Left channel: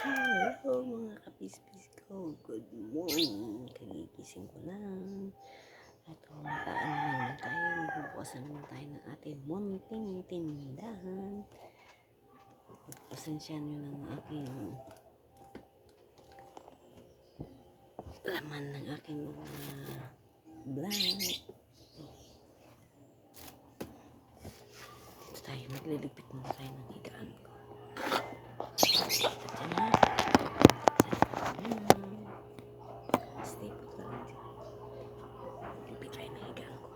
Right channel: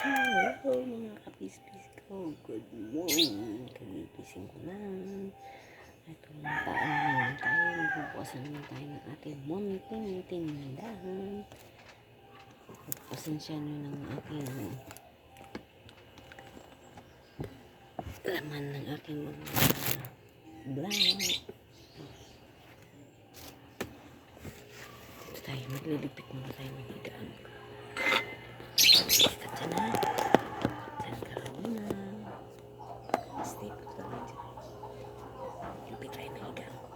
Hello mga kapispis ko, good morning. Kagigising ko lang. Ito, mataan naman tayo. Magbubukasan naman tayo ng ating munting tindahan. Pasensya nyo ng aking laman ng aking mga vlog. Dito tayo, magliligpit muna tayo ng higaan ko. Basta dyan na. Dyan ka muna. Stay put ka lang dyan. Ligpit tayo ng higaan ko.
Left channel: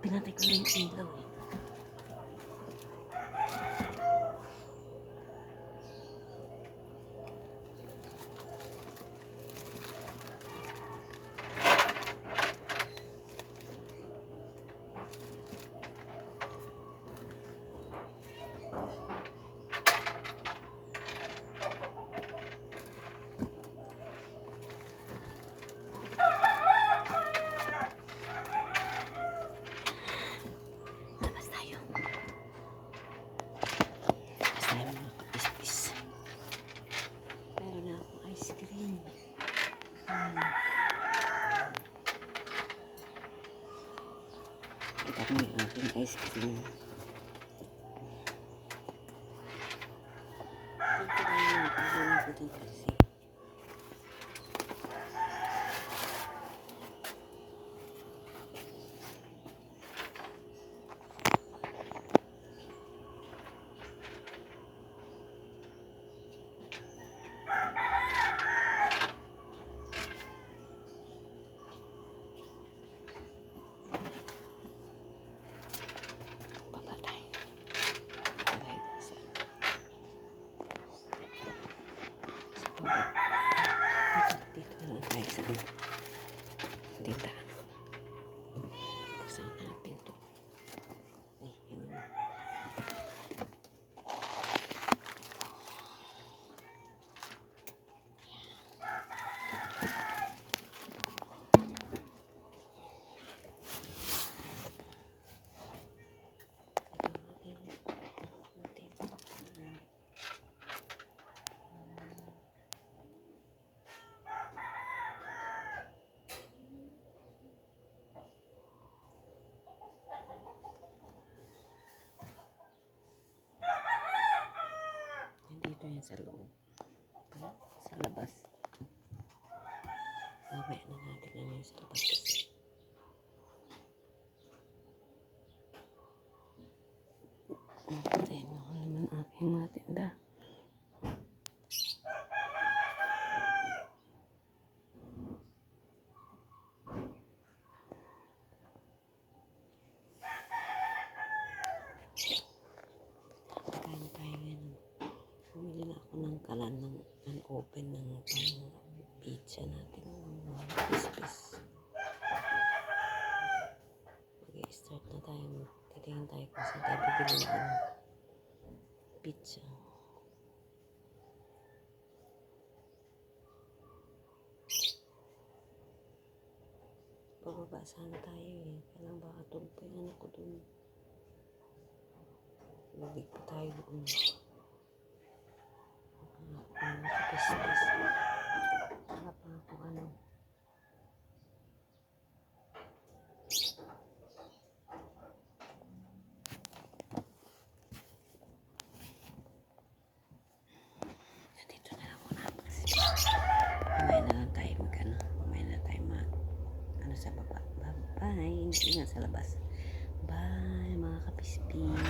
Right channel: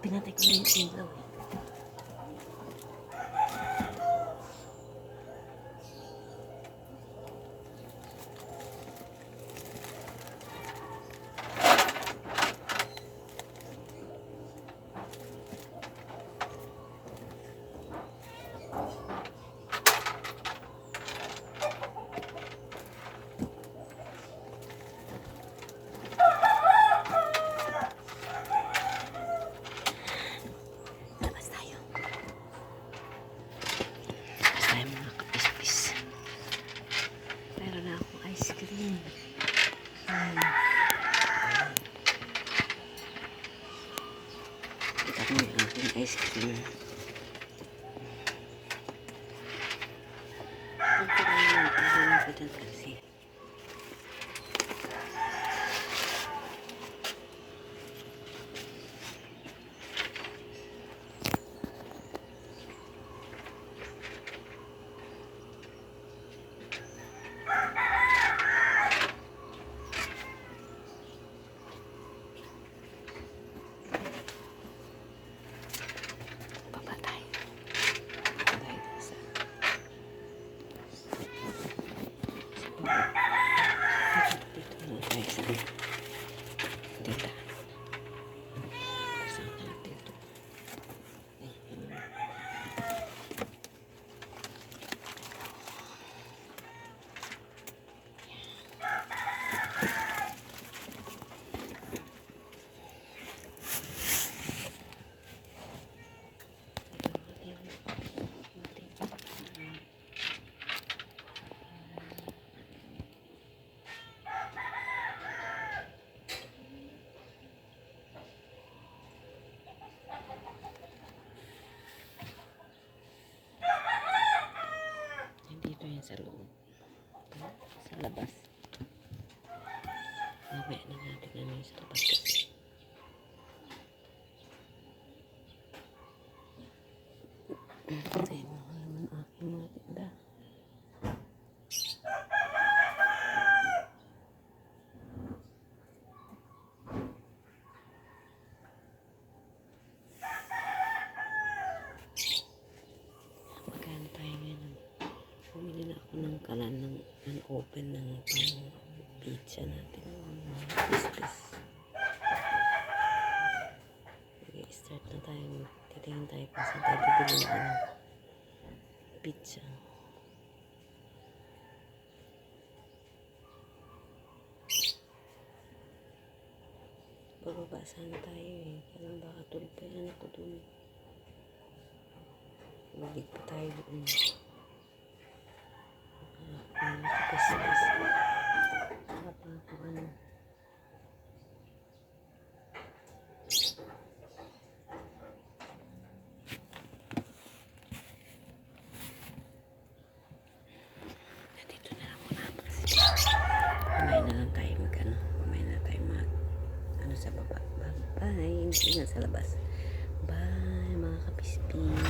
Pinatay ko na yung ilaw eh. Mga kapispis. Meron na akong ice cream. Kita ko yung aking ice cream. Ang kailangan ko dyan kasi. Dito na tayo sa dito. Saan ka lang dito? Dito yan sa loob. Sa labas. Mamaya na natin namin sa labas kasi. Ito yung mahal ng aking mga tinda. Magkano tayo ngayon? Bumili na ako ng kalan ng unopen ng pizza natin. Pispis. Okay, start na tayo. Titingin tayo kung saan tayo bibili ng pizza. Bababa sana tayo eh. Kailang baka tulog pa yung anak ko dun. Balik pa tayo doon. Pispis. Harap na ako ano. Dito na lang muna kasi mamaya na lang tayo mag-ano. Mamaya na tayo ano sa baba. Bye. Hindi nga sa labas. Bye mga kapispis.